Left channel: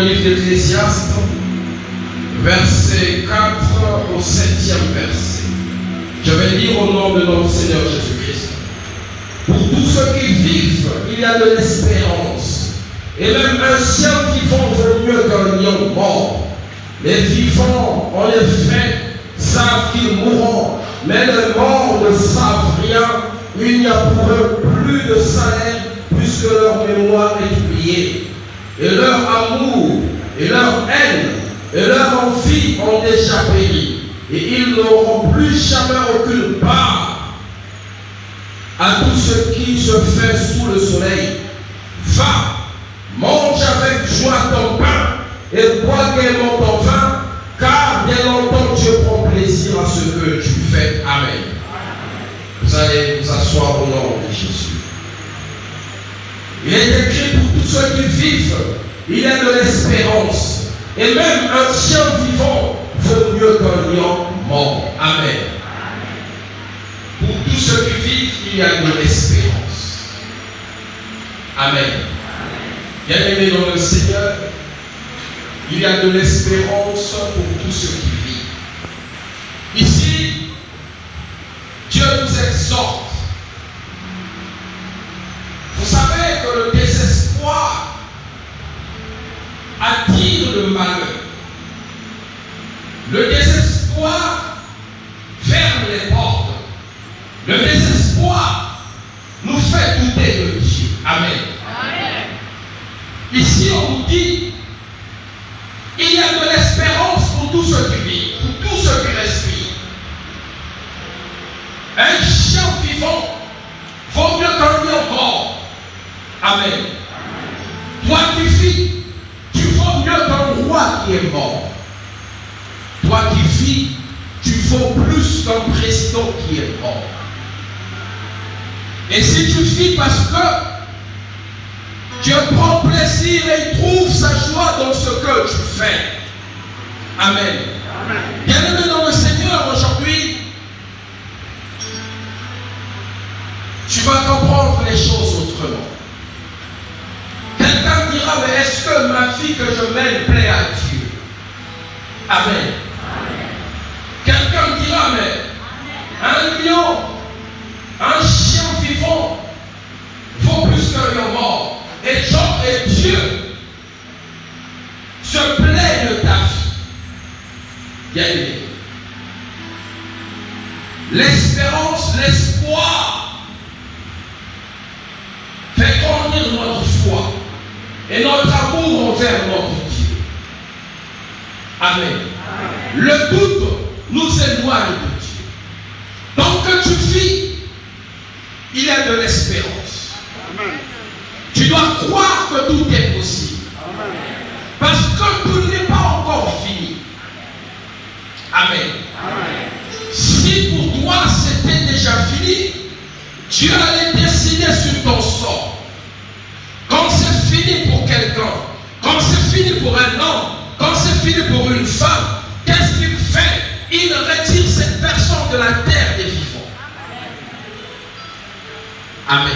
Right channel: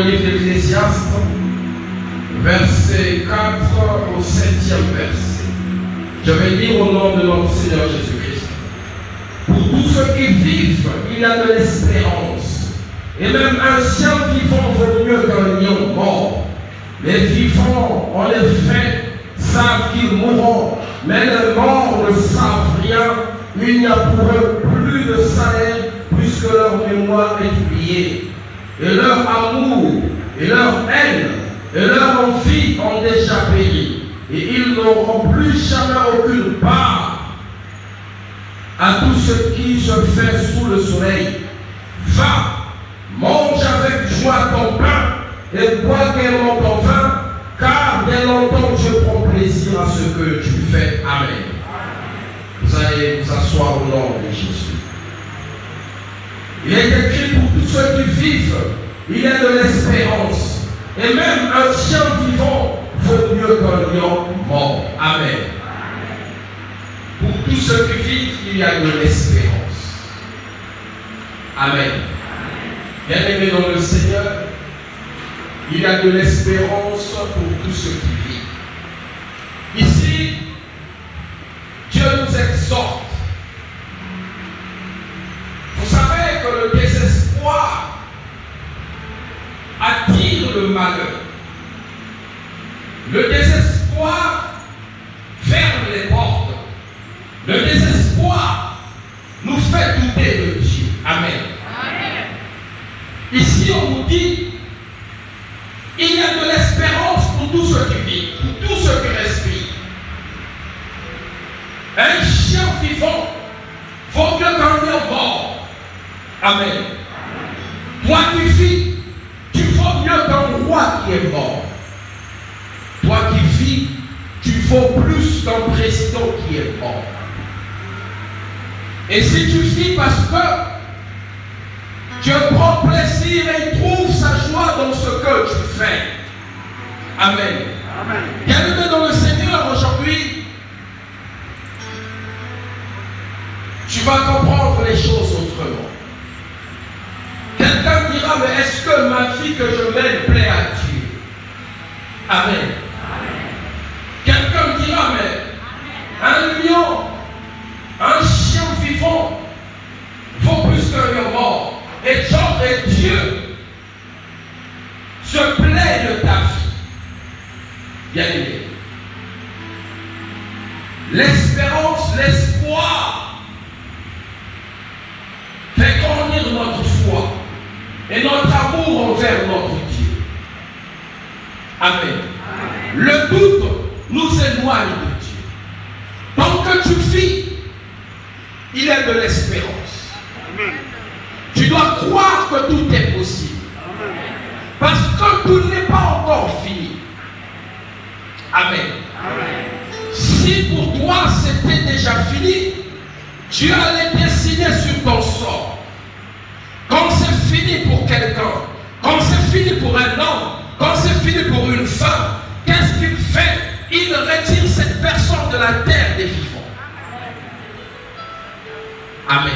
le livre d'Ecclésiaste, verset 4 au 7e verset. Je vais lire au nom de notre Seigneur Jésus-Christ. Pour tous ceux qui vivent, il y a de l'espérance. Et même un chien vivant vaut mieux qu'un lion mort. Les vivants, en effet, savent qu'ils mourront, mais les morts ne savent rien. Il n'y a pour eux plus de Sahel, puisque leur mémoire est oubliée. Et leur amour, et leur haine, et leur envie ont déjà péri. Et ils n'auront plus jamais aucune part à tout ce qui se fait sous le soleil. Va, mange avec joie ton pain et bois gaiement ton vin, car bien longtemps Dieu prend plaisir à ce que tu fais. Amen. Vous allez vous asseoir au nom de Jésus. Il est écrit pour tous ceux qui vivent, il y a de l'espérance. Et même un chien vivant vaut mieux qu'un lion mort. Amen. Pour tous ceux qui vivent, il y a de l'espérance. Amen. Bien-aimés dans le Seigneur, il y a de l'espérance pour tous ceux qui vivent. Ici, Dieu nous exhorte. Vous savez que le désespoir attire le malheur. Le désespoir ferme les portes. Le désespoir nous fait douter de Dieu. Amen. Amen. Ici, on nous dit, il y a de l'espérance pour tous ceux qui vivent, pour tous ceux qui respirent. Un chien vivant vaut mieux qu'un lion mort. Amen. Toi qui vis, tu vaux mieux qu'un roi qui est mort. Toi qui vis, tu vaux plus qu'un président qui est mort. Et si tu vis parce que Dieu prend plaisir et trouve sa joie dans ce que tu fais. Amen. Bien-aimés dans le Seigneur, aujourd'hui, tu vas comprendre les choses autrement. Quelqu'un dira, mais est-ce que ma vie que je mène plaît à Dieu? Amen. Quelqu'un dira, mais un lion, un chien vivant vaut plus qu'un lion mort. Et Dieu se plaît de ta vie. Bien aimé. L'espérance, l'espoir fait grandir notre foi et notre amour envers notre Dieu. Amen. Le doute nous éloigne de Dieu. Tant que tu vis, il y a de l'espérance. Amen. Tu dois croire que tout est possible. Amen. Parce que tout n'est pas encore fini. Amen. Amen. Si pour toi c'était déjà fini, Dieu allait décider sur ton sort. Quand c'est fini pour quelqu'un, quand c'est fini pour un homme, quand c'est fini pour une femme, qu'est-ce qu'il fait? Il retire cette personne de la terre des vivants. Amen.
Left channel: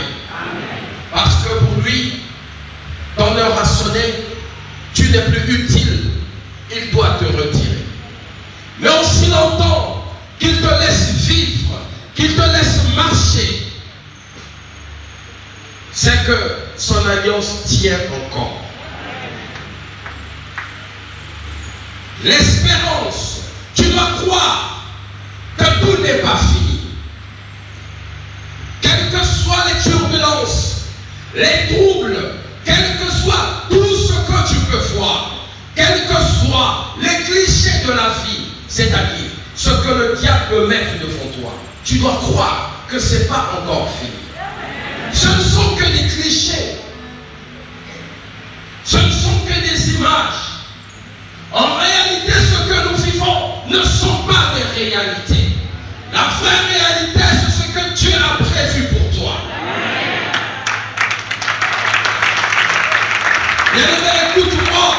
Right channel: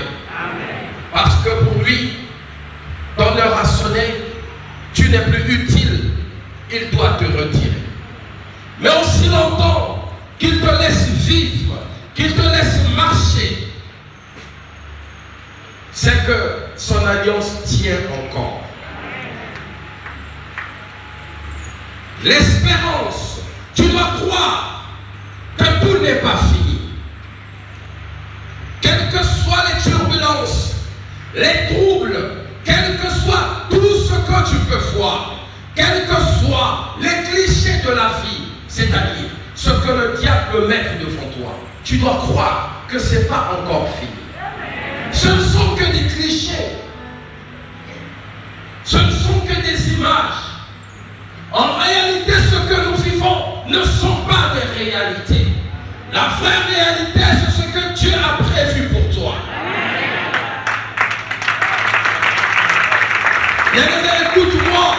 Parce que pour lui, ton heure a sonné, tu n'es plus utile, il doit te retirer. Mais aussi longtemps qu'il te laisse vivre, qu'il te laisse marcher, c'est que son alliance tient encore. L'espérance, tu dois croire que tout n'est pas fini. Quelles que soient les turbulences, les troubles, quel que soit tout ce que tu peux voir, quels que soient les clichés de la vie, c'est-à-dire ce que le diable peut mettre devant toi, tu dois croire que ce n'est pas encore fini. Ce ne sont que des clichés. Ce ne sont que des images. En réalité, ce que nous vivons ne sont pas des réalités. La vraie réalité, c'est ce que Dieu a prévu pour toi. Bien-aimé, écoute-moi.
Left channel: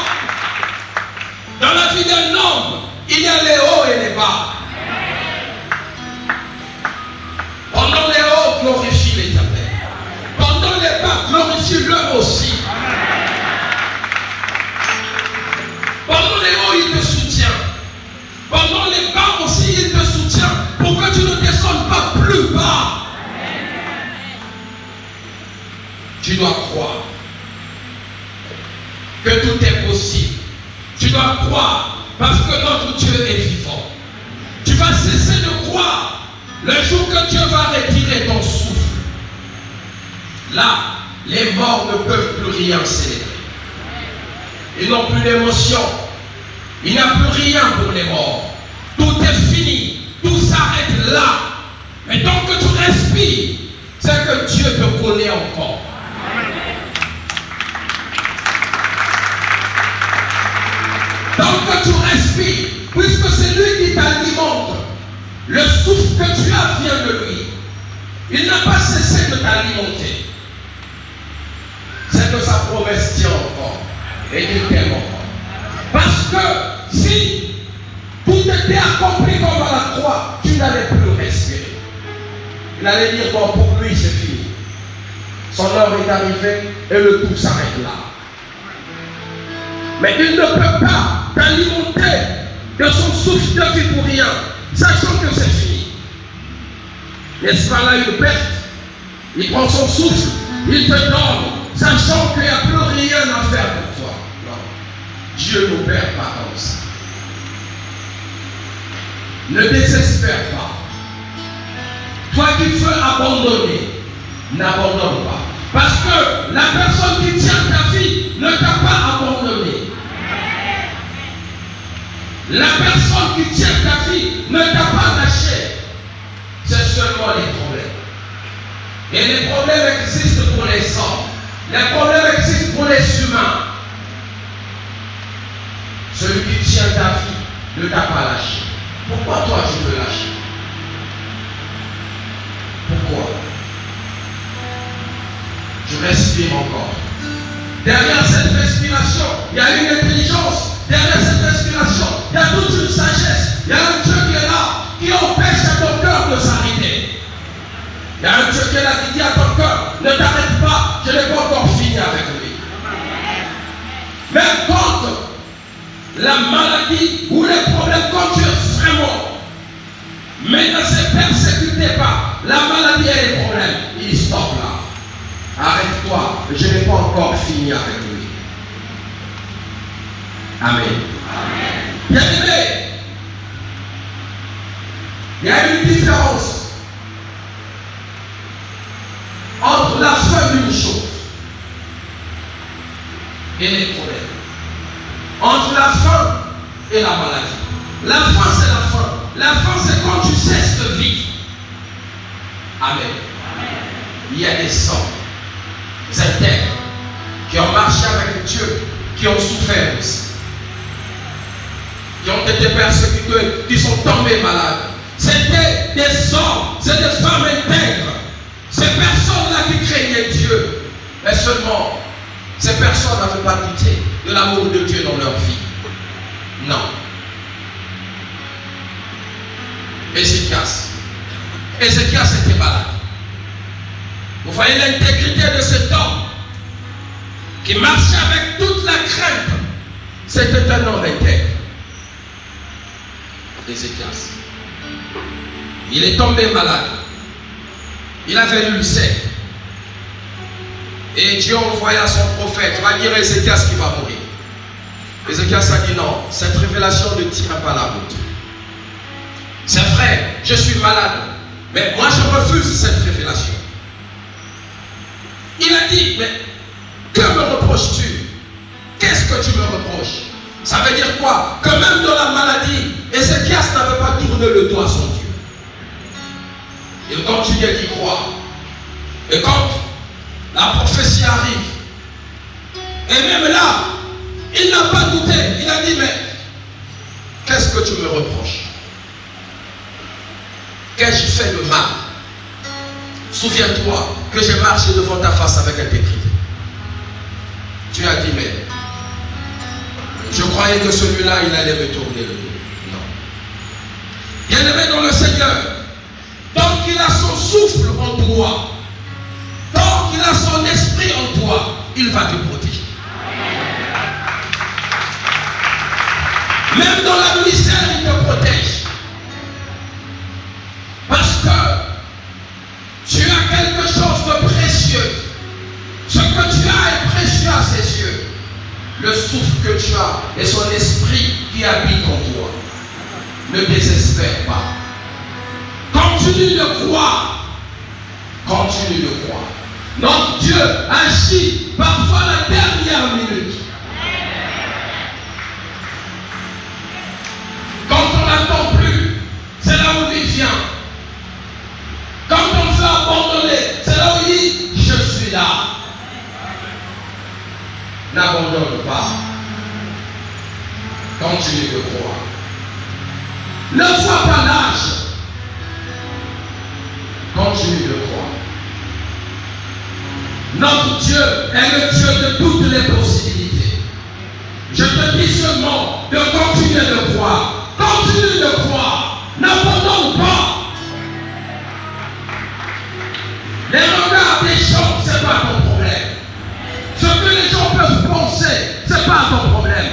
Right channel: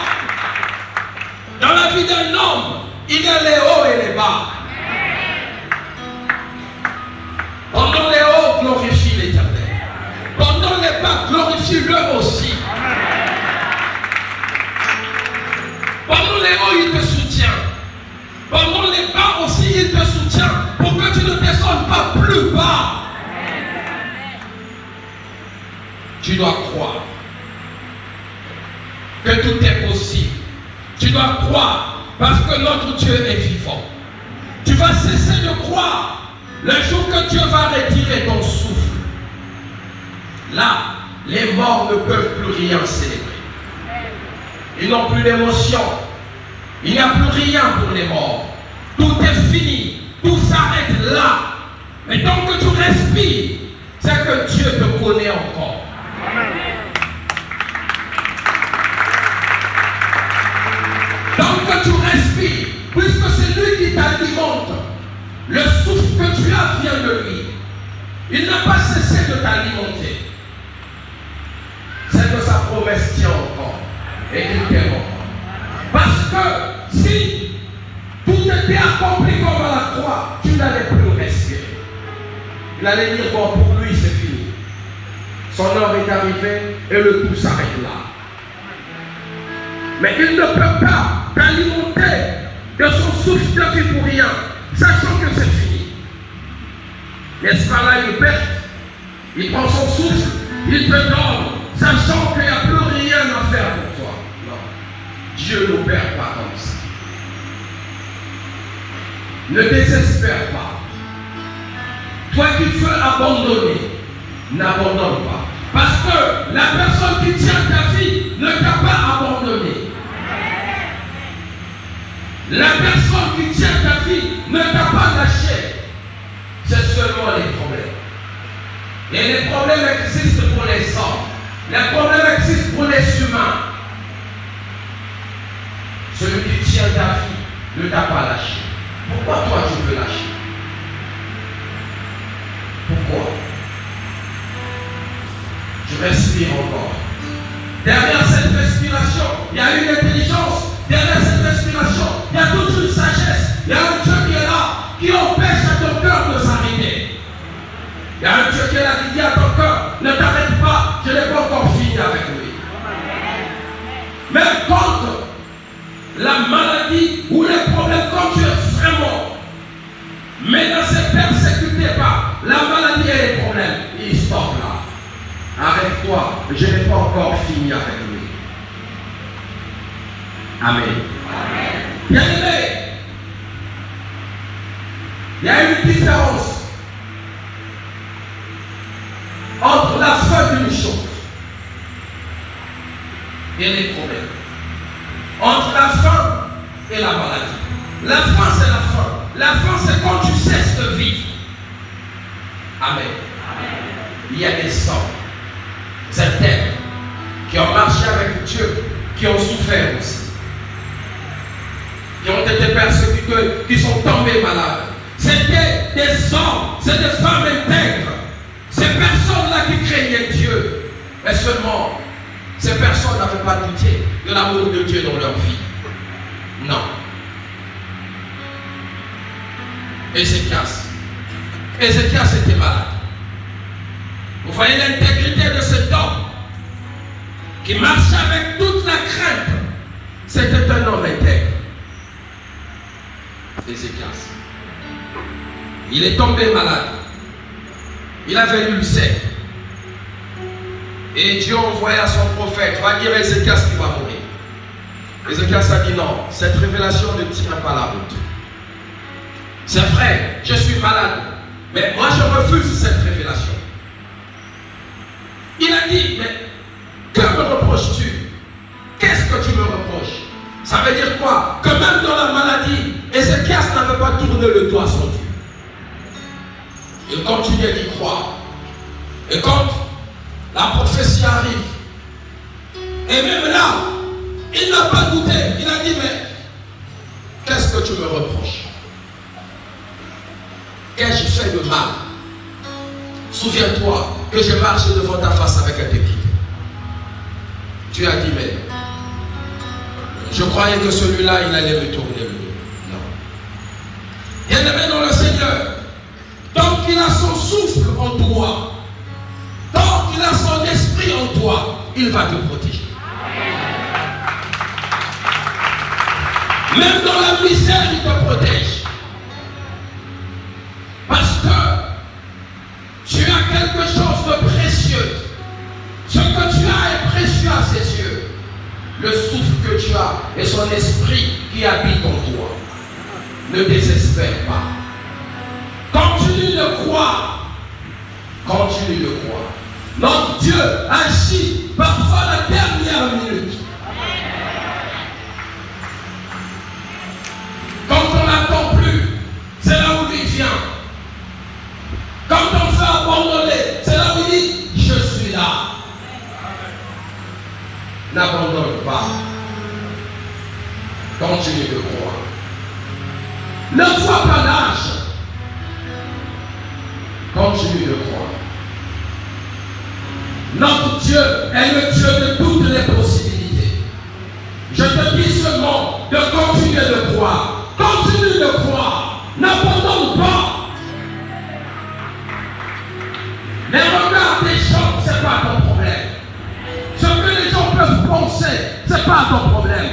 Dans la vie d'un homme, il y a les hauts et les bas. Pendant les hauts, glorifie l'Éternel. Pendant les bas, glorifie-le aussi. plus bas. Tu dois croire que tout est possible. Tu dois croire parce que notre Dieu est vivant. Tu vas cesser de croire le jour que Dieu va retirer ton souffle. Là, les morts ne peuvent plus rien célébrer. Ils n'ont plus d'émotion. Il n'y a plus rien pour les morts. Tout est fini. Tout s'arrête là. Mais tant que tu respires, c'est que Dieu te connaît encore. Tant que tu respires, puisque c'est lui qui t'alimente, le souffle que tu as vient de lui. Il n'a pas cessé de t'alimenter. C'est que sa promesse tient encore et qu'il t'aime encore. Parce que si tout était accompli comme à la croix, tu n'allais plus respirer. Il allait dire, bon, pour lui c'est fini. Son heure est arrivée et le tout s'arrête là. Mais il ne peut pas t'alimenter de son souffle de vie pour rien, sachant que c'est fini. N'est-ce pas là une perte? Il prend son souffle, il te donne, sachant qu'il n'y a plus rien à faire pour toi. Non. Dieu ne perd pas comme ça. Ne désespère pas. Toi qui veux abandonner, n'abandonne pas. Parce que la personne qui tient ta vie ne t'a pas abandonné. La personne qui tient ta vie ne t'a pas lâché. C'est seulement les problèmes. Et les problèmes existent pour les hommes. Les problèmes existent pour les humains. Celui qui tient ta vie ne t'a pas lâché. Pourquoi toi tu veux lâcher? Pourquoi? Tu respires encore. Derrière cette respiration, il y a une intelligence. Derrière cette respiration, il y a toute une sagesse. Il y a un Dieu qui est là, qui empêche à ton cœur de s'arrêter. Il y a un Dieu qui est là, qui dit à ton cœur, ne t'arrête pas, je n'ai pas encore fini avec lui. Même quand la maladie ou les problèmes, quand tu es vraiment, mais ne se persécuté pas, la maladie et les problèmes, il stoppe là. Arrête-toi, je n'ai pas encore fini avec lui. Amen. Bien aimé, il y a une différence entre la fin d'une chose et les problèmes. Entre la faim et la maladie. La faim, c'est la faim. La faim, c'est quand tu cesses de vivre. Amen. Il y a des hommes, certains, qui ont marché avec Dieu, qui ont souffert aussi. Qui ont été persécutés, qui sont tombés malades. C'était des hommes, c'est des femmes intègres. Ces personnes-là qui craignaient Dieu. Mais seulement, ces personnes n'avaient pas goûté de l'amour de Dieu dans leur vie. Non. Ézéchias était malade. Vous voyez l'intégrité de cet homme qui marchait avec toute la crainte. C'était un homme intègre. Ézéchias. Il est tombé malade. Il avait l'ulcère. Et Dieu envoya son prophète, va dire à Ézéchias qui va mourir. Ézéchias a dit non, cette révélation ne tient pas la route. C'est vrai, je suis malade, mais moi je refuse cette révélation. Il a dit, mais que me reproches-tu? Qu'est-ce que tu me reproches? Ça veut dire quoi? Que même dans la maladie, Ézéchias n'avait pas tourné le dos à son Dieu. Il continuait d'y croire. Et quand la prophétie arrive, et même là, il n'a pas douté. Il a dit, mais qu'est-ce que tu me reproches? Qu'ai-je fait de mal? Souviens-toi que j'ai marché devant ta face avec intégrité. Dieu a dit, mais je croyais que celui-là, il allait me tourner le dos. Non. Bien-aimé dans le Seigneur, tant qu'il a son souffle en toi, tant qu'il a son esprit en toi, il va te protéger. Même dans la misère, il te protège. Parce que as et son esprit qui habite en toi. Ne désespère pas. Continue de croire. Continue de croire. Notre Dieu agit parfois à la dernière minute. Quand on n'attend plus, c'est là où il vient. Quand on veut abandonner, c'est là où il dit, je suis là. N'abandonne pas. Continue de croire. Ne vois pas l'âge. Continue de croire. Notre Dieu est le Dieu de toutes les possibilités. Je te dis seulement de continuer de croire. Continue de croire. N'abandonne pas. Les regards des gens, ce n'est pas ton problème. Ce que les gens peuvent penser, ce n'est pas ton problème.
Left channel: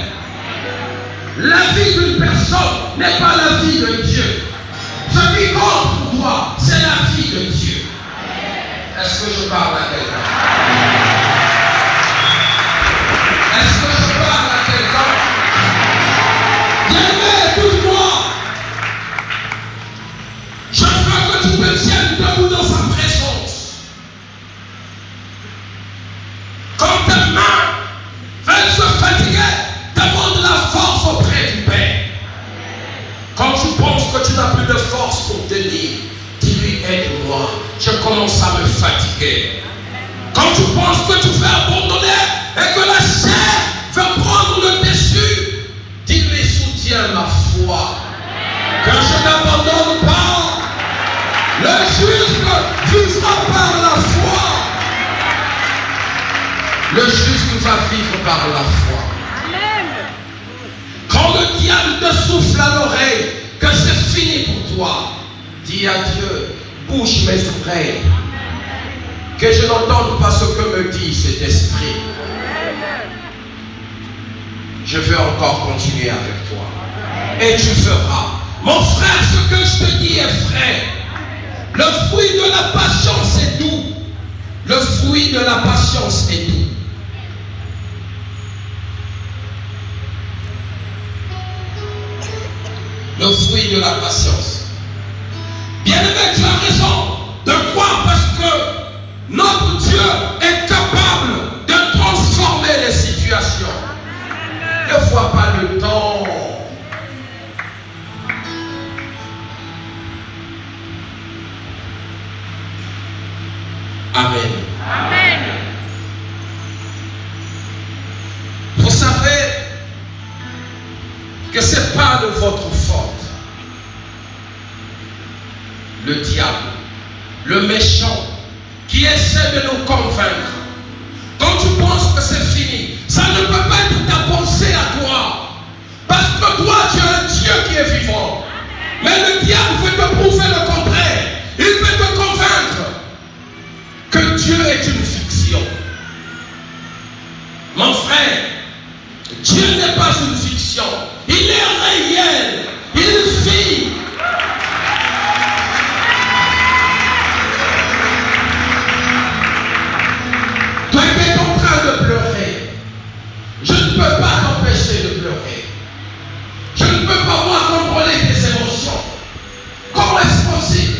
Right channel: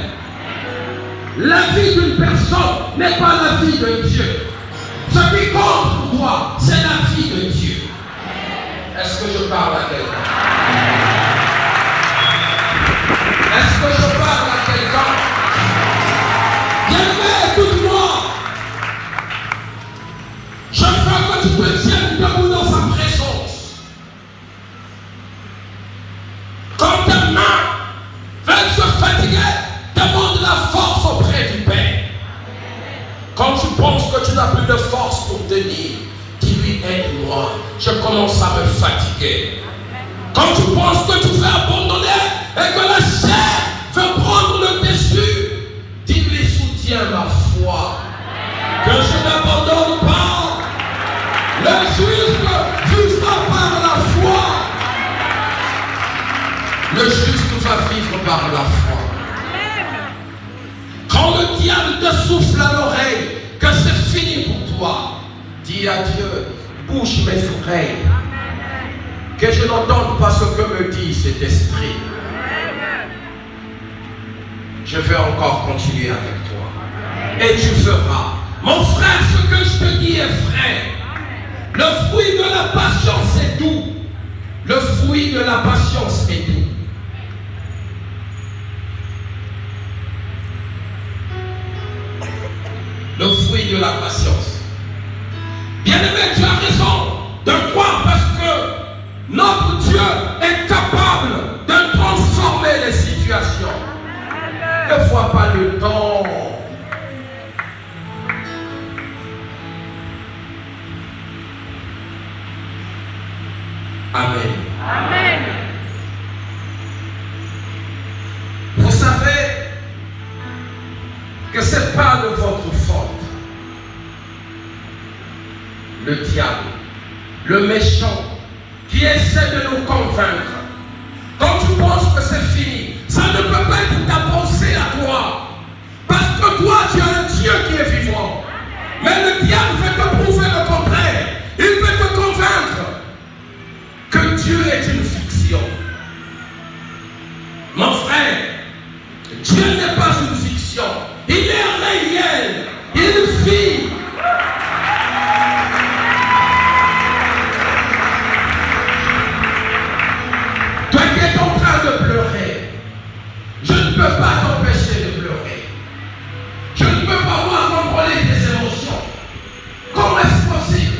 La vie d'une personne n'est pas la vie de Dieu. Ce qui compte pour toi, c'est la vie de Dieu. Est-ce que je parle à quelqu'un? Est-ce que je parle à quelqu'un? Bien-aimé, écoute-moi. Je veux que tu te tiennes debout dans sa présence. Quand tes mains veulent se fatiguer, demande la force auprès du Père. Quand tu penses que tu n'as plus de force pour tenir, dis-lui, aide-moi, je commence à me fatiguer. Quand tu penses que tu veux abandonner et que la chair veut prendre le dessus, dis-lui, soutiens ma foi, que je n'abandonne pas. Le juste vivra par la foi. Le juste va vivre par la foi. Quand le diable te souffle à l'oreille que c'est fini pour toi, dis à Dieu, bouge mes oreilles, que je n'entende pas ce que me dit cet esprit. Je veux encore continuer avec toi. Et tu feras. Mon frère, ce que je te dis est vrai. Le fruit de la patience est doux. Le fruit de la patience est doux. Le fruit de la patience. Bien-aimé, tu as raison de croire parce que notre Dieu est capable de transformer les situations. Ne vois pas le temps. Amen. Amen. Vous savez que ce n'est pas de votre faute. Le diable, le méchant, qui essaie de nous convaincre. Quand tu penses que c'est fini, ça ne peut pas être ta pensée à toi. Parce que toi, tu as un Dieu qui est vivant. Mais le diable veut te prouver le contraire. Il veut te convaincre que Dieu est une fiction. Mon frère, Dieu n'est pas une fiction. Il est réel. Il vit. Toi qui es en train de pleurer, je ne peux pas t'empêcher de pleurer. Je ne peux pas moi contrôler tes émotions. Comment est-ce possible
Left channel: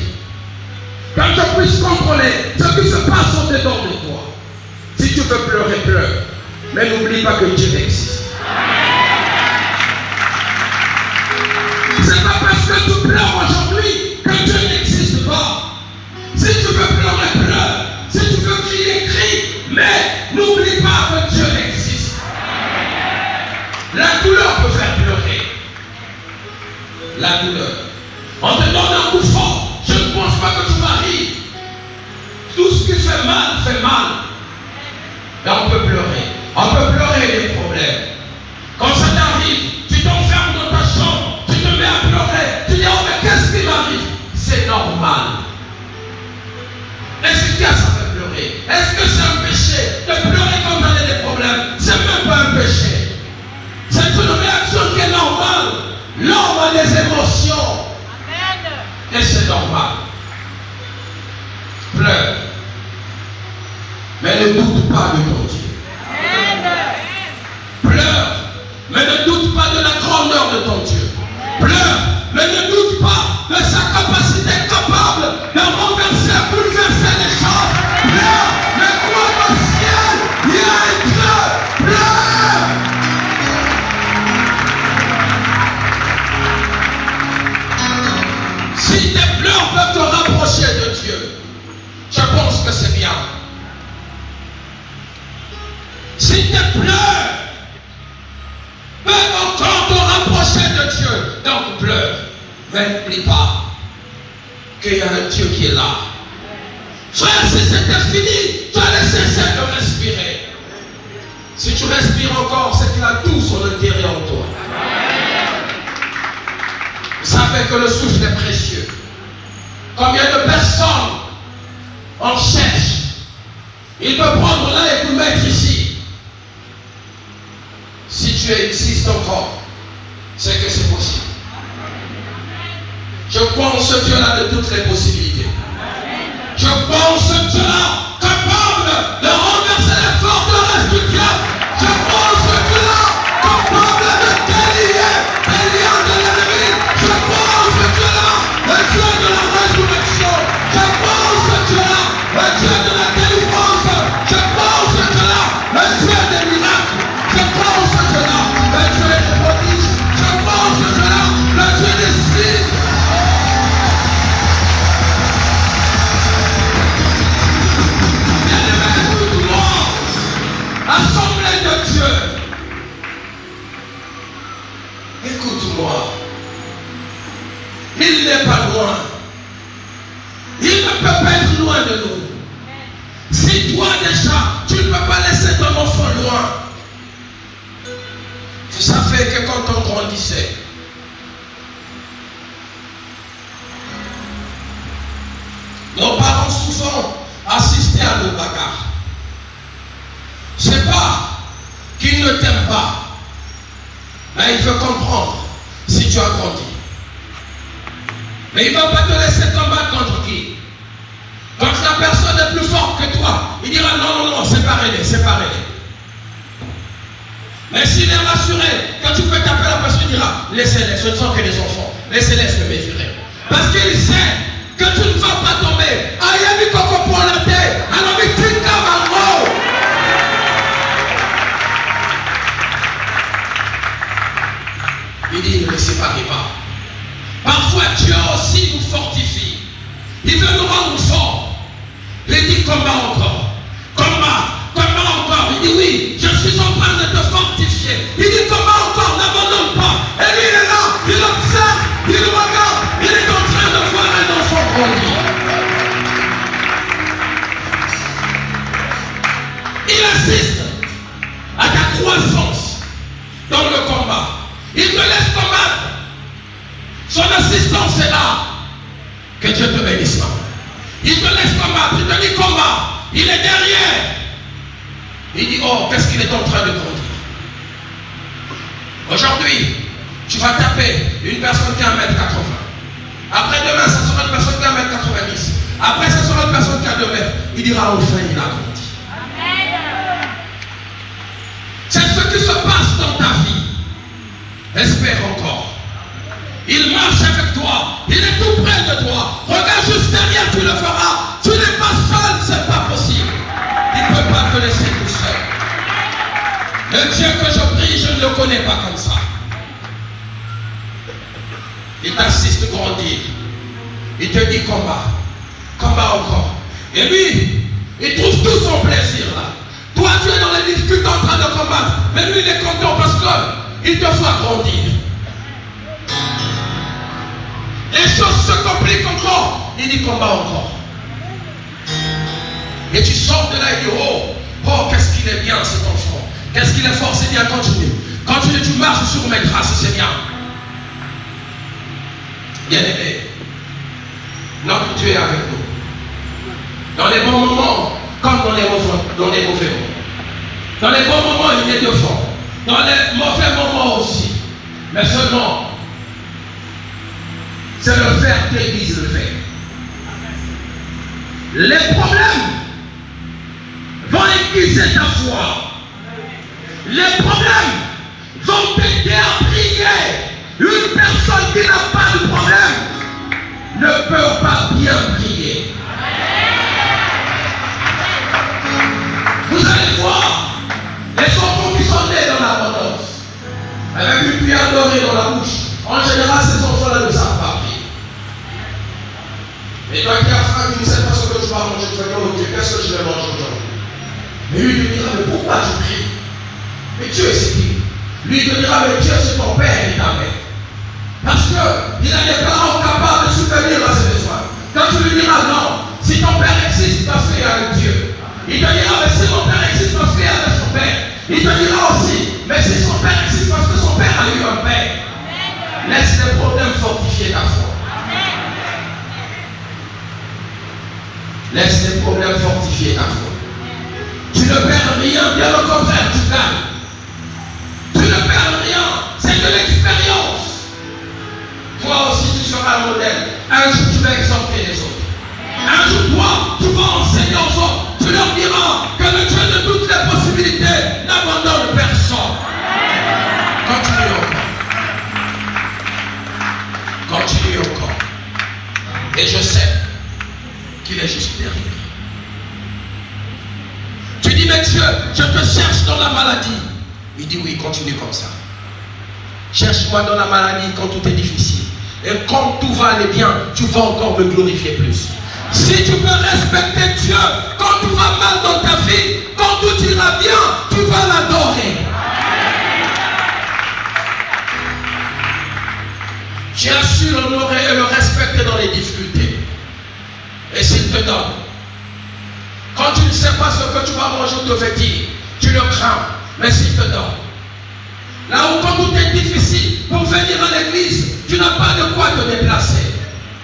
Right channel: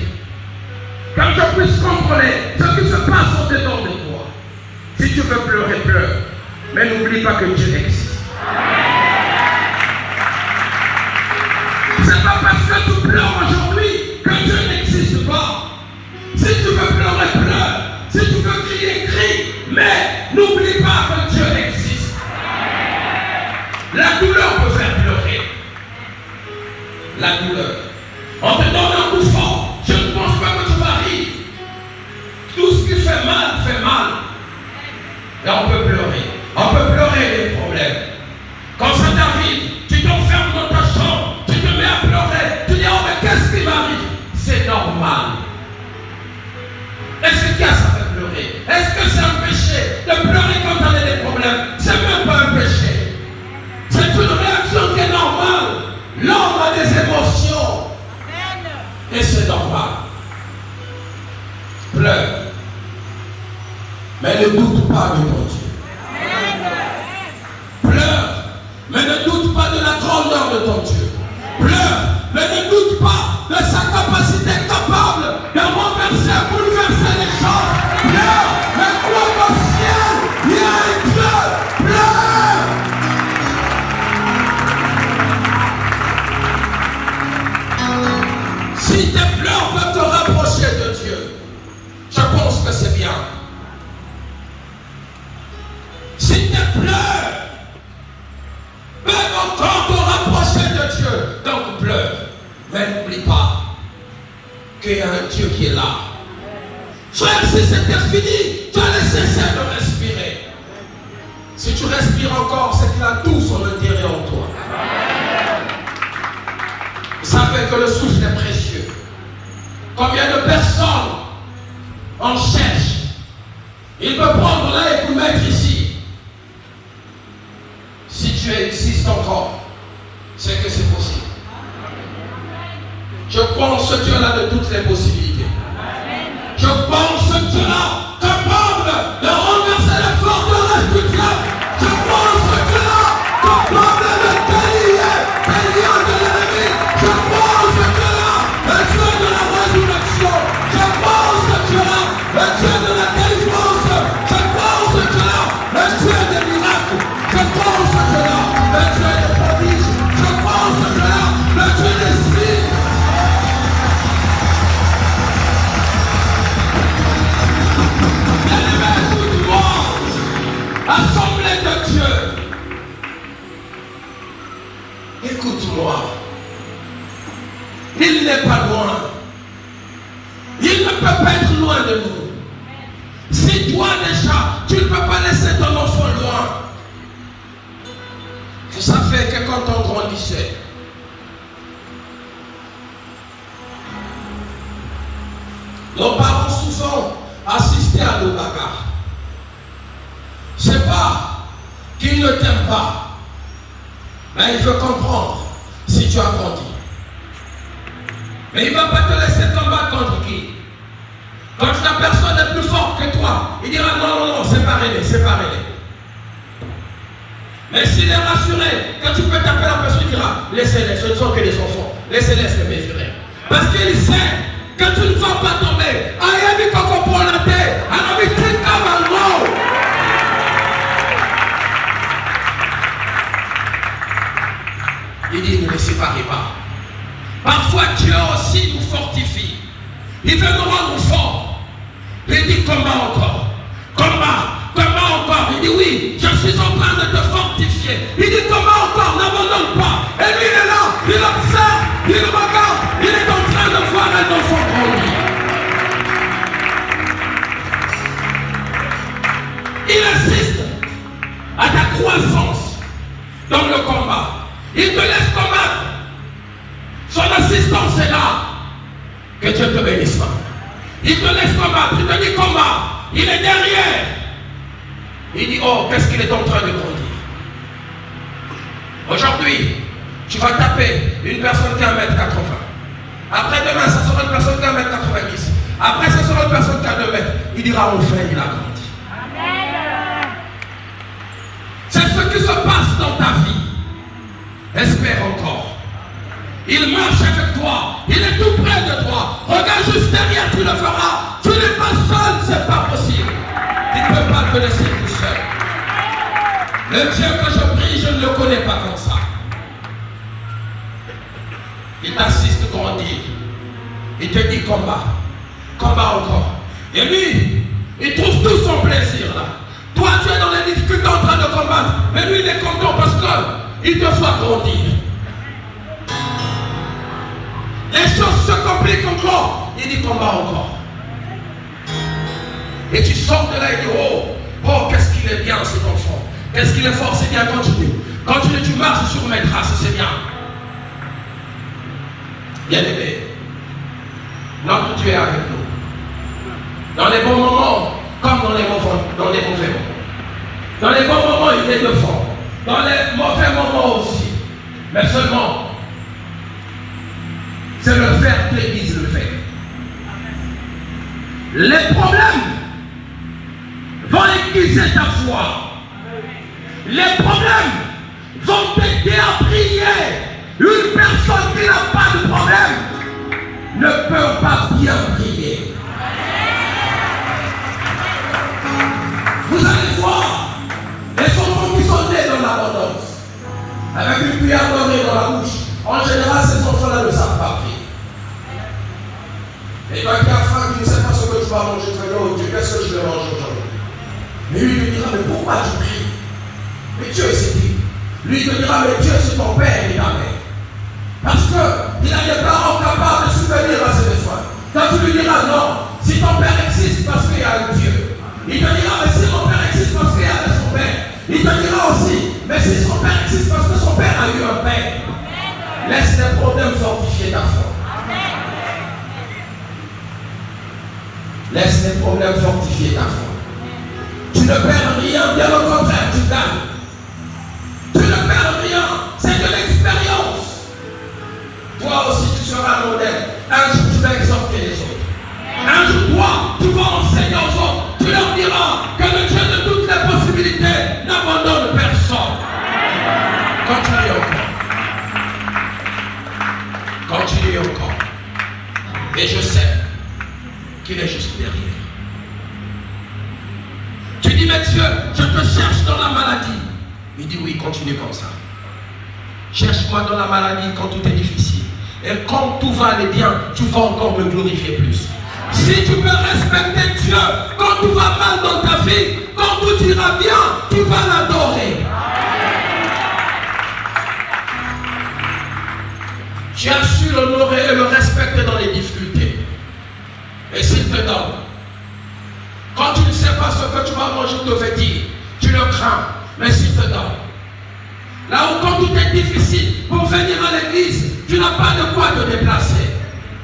qu'un je puisse contrôler ce qui se passe au-dedans de toi? Si tu veux pleurer, pleure. Mais n'oublie pas que Dieu existe. C'est pas parce que tu pleures aujourd'hui que Dieu n'existe pas. Si tu veux pleurer, pleure. Si tu veux crier, crie. Mais n'oublie pas que Dieu existe. La douleur peut faire pleurer. La douleur. On te donne un coup fort. Je ne pense pas que tu vas rire. Tout ce qui fait mal fait mal. Et on peut pleurer. On peut pleurer les problèmes. Quand ça t'arrive, tu t'enfermes dans ta chambre, tu te mets à pleurer, tu dis, oh mais qu'est-ce qui m'arrive? C'est normal. Est-ce que ça fait pleurer? Est-ce que c'est un péché de pleurer quand on a des problèmes? C'est même pas un péché. C'est une réaction qui est normale. L'homme a des émotions. Et c'est normal. Pleure. Mais ne doute pas de ton Dieu. Pleure. Mais t'approcher de Dieu quand tu pleures. Mais n'oublie pas qu'il y a un Dieu qui est là. Frère, si c'était fini, tu allais cesser de respirer. Si tu respires encore, c'est qu'il a tout son intérieur en toi. Vous savez que le souffle est précieux. Combien de personnes en cherchent? Il peut prendre là et tout mettre ici. Si tu existes encore, c'est que c'est possible. Je crois en ce Dieu-là de toutes les possibilités. Je crois en ce Dieu-là capable de renverser les forteresses du diable. Je crois en ce Dieu-là capable de délier les liens de l'ennemi. Je crois en ce Dieu-là, le Dieu de la résurrection. Je crois en ce Dieu-là, le Dieu de la délivrance. Je crois en ce Dieu-là, le Dieu des miracles. Je crois en ce Dieu-là, le Dieu des prodiges. Je crois en ce Dieu-là, le Dieu des signes. Assemblée de Dieu, écoute-moi. Il n'est pas loin. Il ne peut pas être loin de nous. Si toi déjà, tu ne peux pas laisser ton enfant loin. Vous savez que quand on grandissait, nos parents souvent assistaient à nos bagarres. C'est pas qu'il ne t'aime pas, mais il veut comprendre si tu as grandi. Mais il ne va pas te laisser combattre contre qui? Quand la personne est plus forte que toi, il dira non, séparez-les, séparez-les. Mais s'il est rassuré, quand tu peux taper la personne, il dira laissez-les, ce ne sont que des enfants, laissez-les se mesurer. Parce qu'il sait que tu ne vas pas tomber. Aïe, il faut comprendre la terre. Alors, il dit comme un mot. Il dit ne séparez pas. Parfois Dieu aussi nous fortifie. Il veut nous rendre forts. Il dit combat encore. Combat encore. Il dit oui, je suis en train de te fortifier. Il dit combat encore, n'abandonne pas. Et lui il est là, il observe, il regarde, il est en train de voir un enfant grandir. Il assiste à ta croissance dans le combat. Il te laisse combattre. Son assistance est là. Que Dieu te bénisse. Il te laisse combattre. Il te dit combat. Il est derrière. Il dit oh, qu'est-ce qu'il est en train de grandir. Aujourd'hui, tu vas taper une personne qui a 1m80. Après-demain, ça sera une personne qui a 1m90. Après, ça sera une personne qui a 2 mètres. Il dira enfin, il a grandi. Amen. C'est ce qui se passe dans ta vie. Espère encore. Il marche avec toi. Il est tout près de toi. Regarde juste derrière, tu le feras. Tu n'es pas seul, c'est pas possible. Il ne peut pas te laisser tout seul. Le Dieu que je prie, je ne le connais pas comme ça. Il t'assiste grandir. Il te dit combat. Combat encore. Et lui, il trouve tout son plaisir là. Toi, tu es dans les difficultés en train de combattre. Mais lui, il est content parce qu'il te fait grandir. Les choses se compliquent encore. Il dit combat encore. Et tu sors de là et dis oh, qu'est-ce qu'il est bien cet enfant. Qu'est-ce qu'il est fort, c'est bien, continue. Continue, tu marches sur mes traces, c'est bien. Bien aimé, notre Dieu est avec nous. Dans les bons moments, comme dans les mauvais moments. Dans les bons moments, il est devant. Dans les mauvais moments aussi. Mais seulement, c'est le faire qui Église le fait. Les problèmes vont aiguiser ta foi. Les problèmes vont t'aider à prier. Une personne qui n'a pas de problème ne peut pas bien prier. Vous allez voir les enfants qui sont nés dans l'abondance avec une cuillère dorée dans la bouche. En général, ces enfants-là ne savent pas prier. Et toi qui as faim, tu ne sais pas ce que tu vas manger, tu vas dire oh Dieu, qu'est-ce que je vais manger aujourd'hui? Mais lui, il te dira, mais pourquoi tu pries? Mais Dieu, c'est qui? Lui, il te dira, mais Dieu, c'est ton Père et ta Mère. continuer encore. Et je sais qu'il est juste derrière. Tu dis, mais Dieu, je te cherche dans la maladie. Il dit, oui, continue comme ça. Cherche-moi dans la maladie quand tout est difficile. Et quand tout va aller bien, tu vas encore me glorifier plus. Si tu veux respecter Dieu, quand tout va mal dans ta vie, quand tout ira bien, tu vas l'adorer. Tu as su l'honorer et le respecter dans les difficultés. Et s'il te donne, quand tu ne sais pas ce que tu vas manger ou te vêtir, tu le crains, mais s'il te donne. Là où quand tout est difficile, pour venir à l'église, tu n'as pas de quoi te déplacer.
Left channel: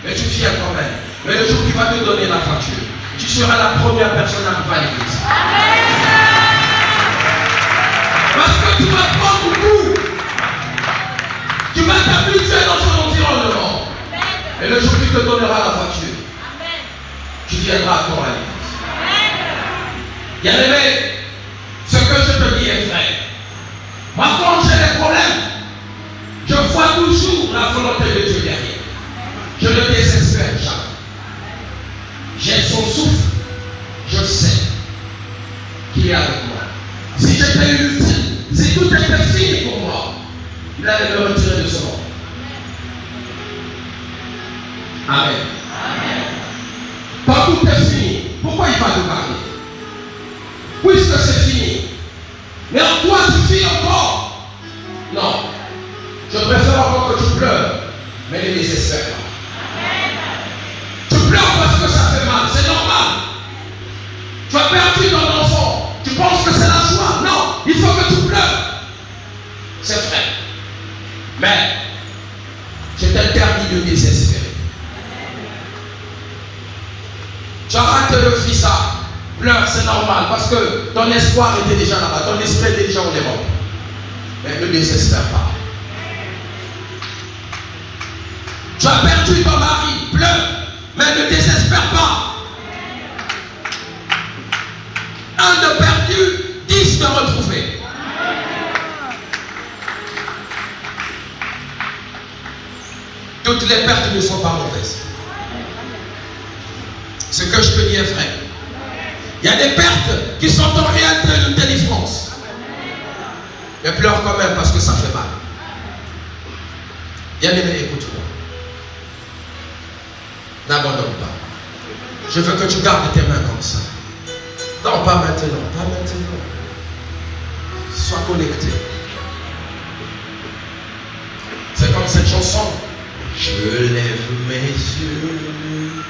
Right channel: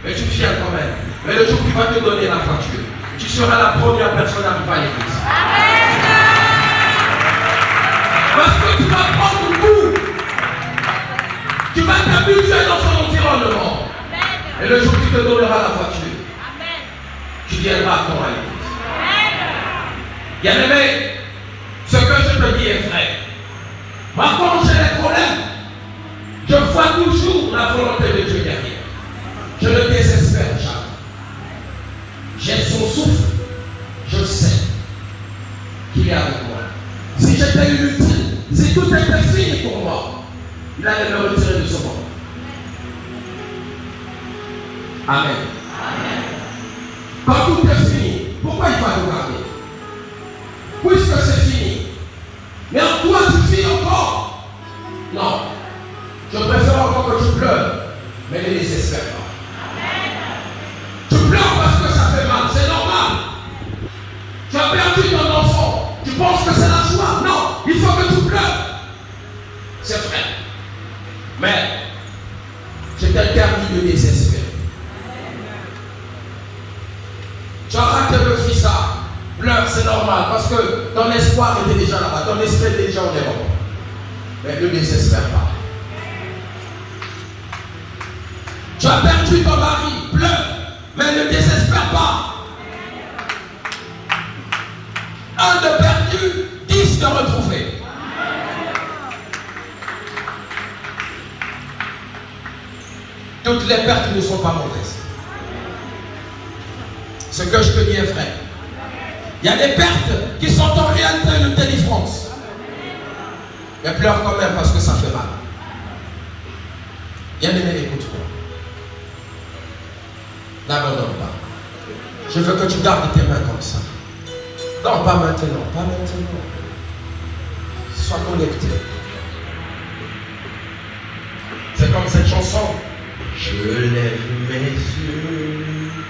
Mais tu viens quand même. Mais le jour où tu vas te donner la facture, tu seras la première personne à arriver à l'église. Parce que tu vas prendre goût. Tu vas t'habituer dans son environnement. Et le jour où tu te donneras la facture, tu viendras à ton l'église. Bien aimé, ce que je te dis est vrai. Moi, quand j'ai des problèmes, je vois toujours la volonté de Dieu derrière. Je ne désespère jamais. J'ai son souffle, je sais qu'il est avec moi. Si j'étais inutile, si tout était fini pour moi, il allait me retirer de ce monde. Amen. Amen. Quand tout est fini, pourquoi il va te garder? Puisque c'est fini. Mais en toi, tu vis encore. Non. Je préfère encore que tu pleures, mais ne désespère pas. Tu pleures parce que ça fait mal, c'est normal. Tu as perdu ton enfant. Tu penses que c'est la joie. Non, il faut que tu pleures. C'est vrai. Mais je t'interdis de désespérer. Tu as raté le fils à pleure, c'est normal, parce que ton espoir était déjà là-bas, ton esprit était déjà en Europe. Mais ne désespère pas. Tu as perdu ton mari, pleure, mais ne désespère pas. Un de perdu, 10 de retrouvé. Toutes les pertes ne sont pas mauvaises. Ce que je te dis est vrai. Il y a des pertes qui sont en réalité une délivrance. Mais pleure quand même parce que ça fait mal. Bien aimé, écoute-moi. N'abandonne pas. Je veux que tu gardes tes mains comme ça. Non, pas maintenant, pas maintenant. Sois connecté. C'est comme cette chanson. Je lève mes yeux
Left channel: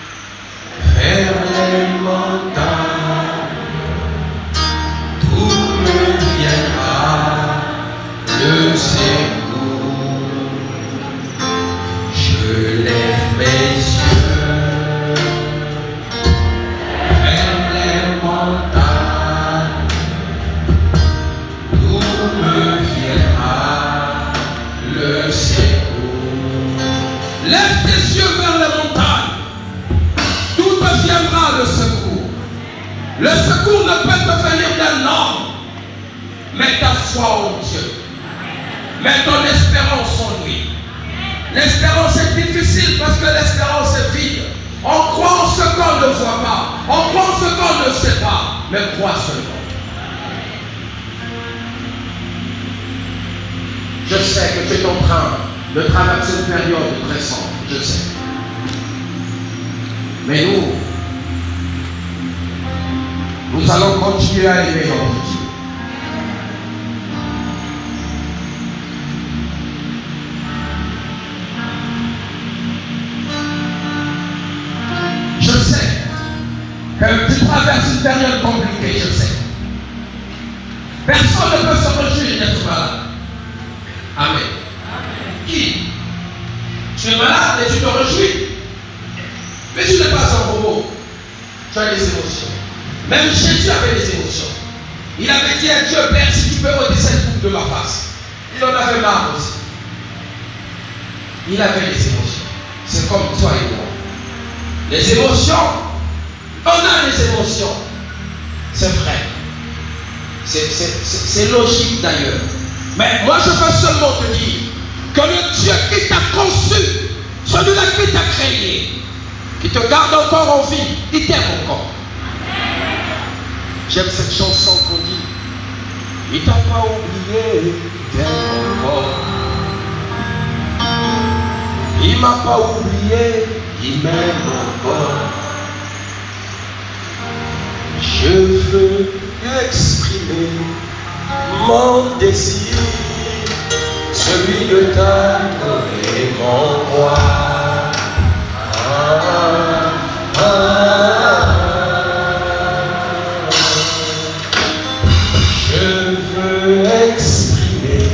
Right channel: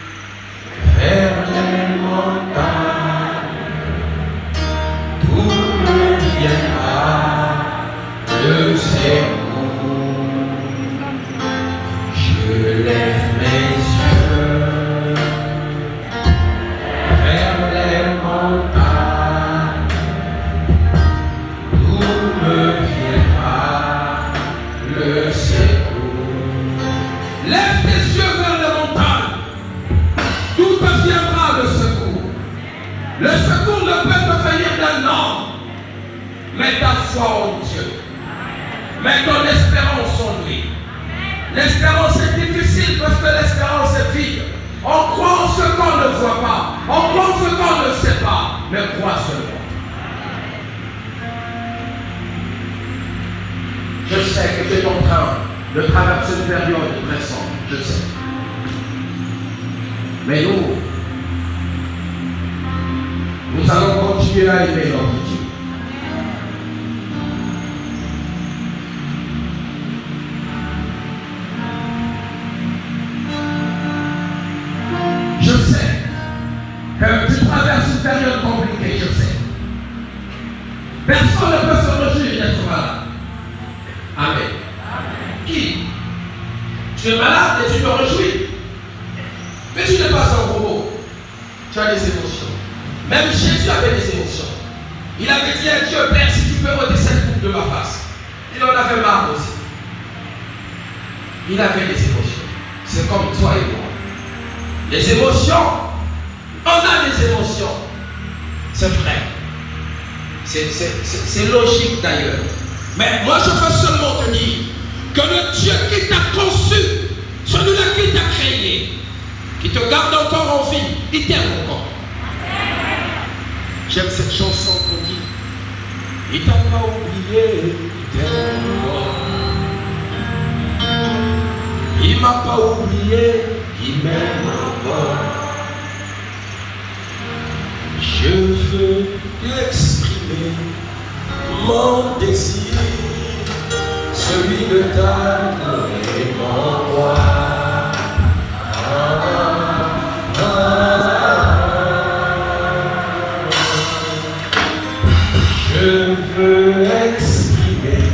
vers les montagnes. D'où me viendra le secours? Je lève mes yeux vers les montagnes. D'où me viendra le secours? Lève tes yeux vers les montagnes. D'où te viendra le secours? Le secours ne peut te venir d'un homme, mais ta foi en Dieu. Mets ton espérance en lui. L'espérance est difficile parce que l'espérance est vide. On croit en ce qu'on ne voit pas. On croit en ce qu'on ne sait pas. Mais crois seulement. Je sais que tu es en train de traverser une période très sombre. Je sais. Mais nous allons continuer à aimer notre Dieu. Je sais que tu traverses une période compliquée, je sais. Personne ne peut se réjouir d'être malade. Amen. Qui? Tu es malade et tu te réjouis. Mais tu n'es pas un robot. Tu as des émotions. Même Jésus avait des émotions. Il avait dit à Dieu, Père, si tu peux ôter cette coupe de ma face. Il en avait marre aussi. Il avait des émotions. C'est comme toi et moi. Les émotions, on a des émotions. C'est vrai. C'est logique d'ailleurs. Mais moi je veux seulement te dire que le Dieu qui t'a conçu, celui Il te garde encore en vie. Il t'aime encore. J'aime cette chanson qu'on dit. Il t'a pas oublié, il t'aime encore. Il m'a pas oublié, il m'aime encore. Je veux exprimer mon désir, celui de t'adorer mon roi. Je veux exprimer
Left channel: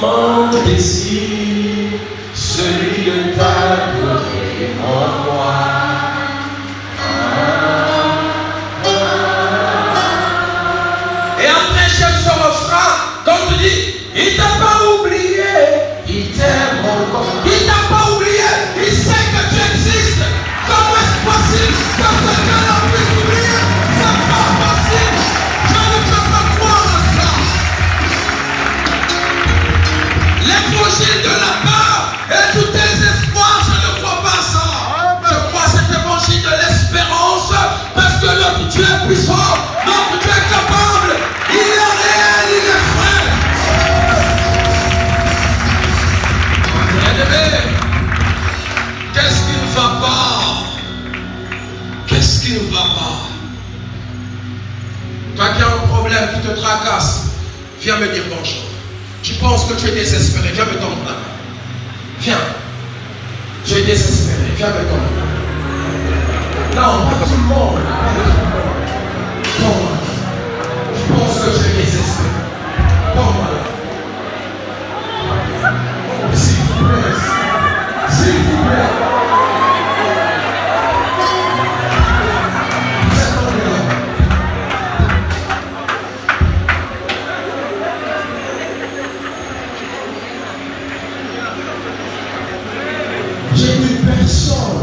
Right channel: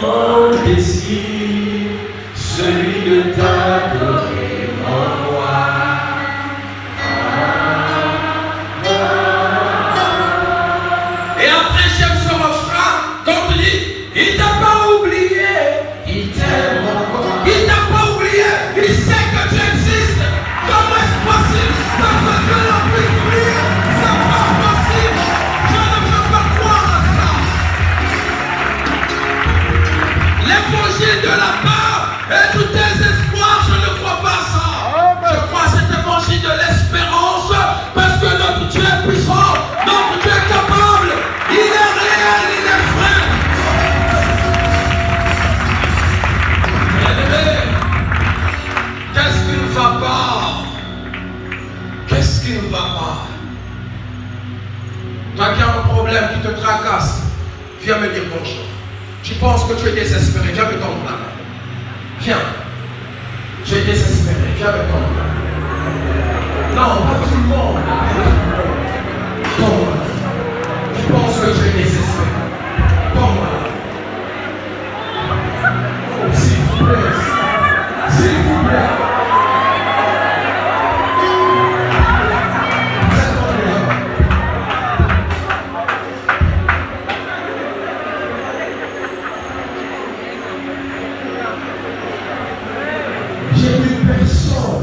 mon désir, celui de t'adorer mon roi. Et après chaque son refrain, quand tu dis, il t'a pas oublié, il t'aime encore. Il t'a pas oublié, il sait que tu existes. Comment est-ce possible que quelqu'un l'a pu oublier? C'est pas possible. Je ne peux pas croire à ça. L'évangile de la peur et tout désespoir, je ne crois pas ça. Je crois cet évangile de l'espérance parce que notre Dieu est puissant, notre Dieu est capable, il est réel, il est vrai. Bien-aimé, qu'est-ce qui ne va pas? Qu'est-ce qui ne va pas? Toi qui as un problème qui te tracasse, viens me dire bonjour. Tu penses que tu es désespéré, viens me tendre la main. Viens. Tu es désespéré, viens me tendre la main. Non, pas tout le monde. Bon, tu penses que je suis désespéré. Bon, s'il vous plaît. S'il vous plaît. J'ai une personne.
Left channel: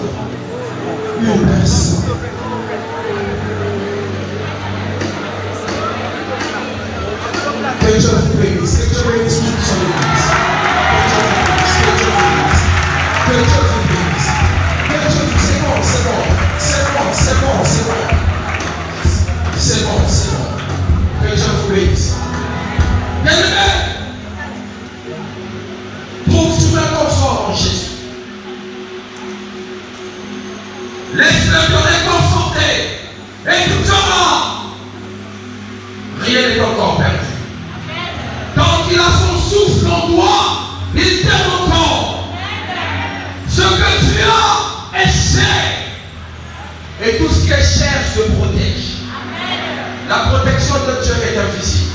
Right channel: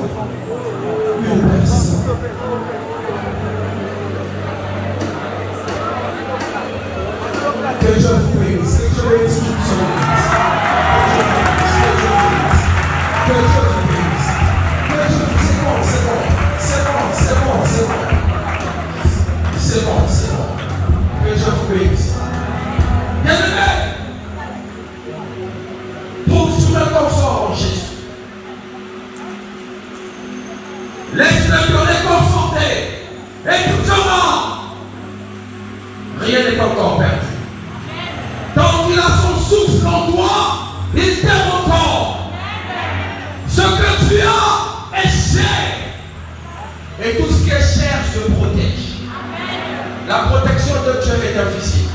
Que Dieu vous bénisse. Que Dieu bénisse toute son église. Que Dieu vous bénisse. Que Dieu vous bénisse. C'est bon, c'est bon. C'est bon, c'est bon, c'est bon. C'est bon, c'est bon. Que Dieu vous bénisse. Bien-aimé, trouve-tu un confort en Jésus. Laisse-le te réconforter et tout sera. Rien n'est encore perdu. Tant qu'il a son souffle en toi, il t'aime encore. Ce que tu as est cher. Et tout ce qui est cher se protège. La protection de Dieu est invisible.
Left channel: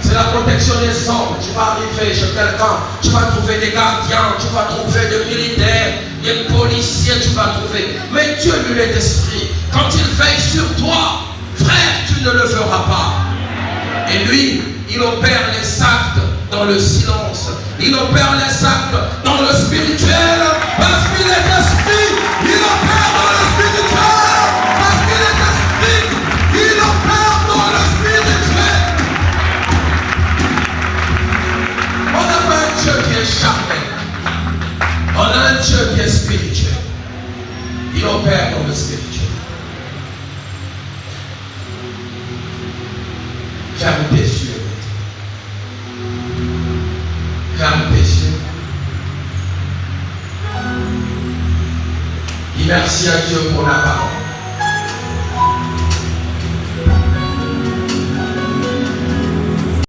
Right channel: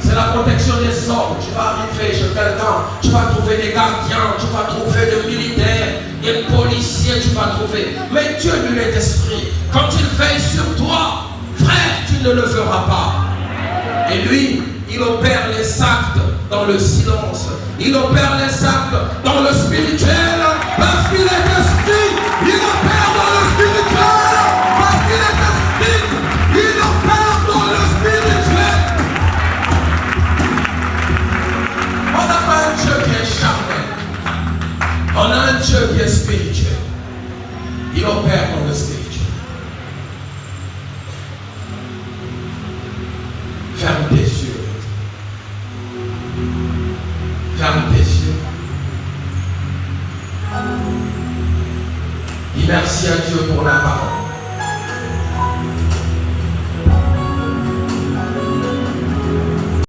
C'est la protection des hommes. Tu vas arriver chez quelqu'un, tu vas trouver des gardiens, tu vas trouver des militaires, des policiers, tu vas trouver. Mais Dieu, lui, est esprit. Quand il veille sur toi, frère, tu ne le feras pas. Et lui, il opère les actes dans le silence. Il opère les actes dans le spirituel. Parce qu'il est esprit, il opère dans le spirituel. Parce qu'il est esprit, il opère dans le spirituel. On n'a pas un Dieu qui est charnel. On a un Dieu qui est spirituel. Il opère dans le spirituel. Ferme tes yeux. Ferme tes yeux. Dis merci à Dieu pour la parole.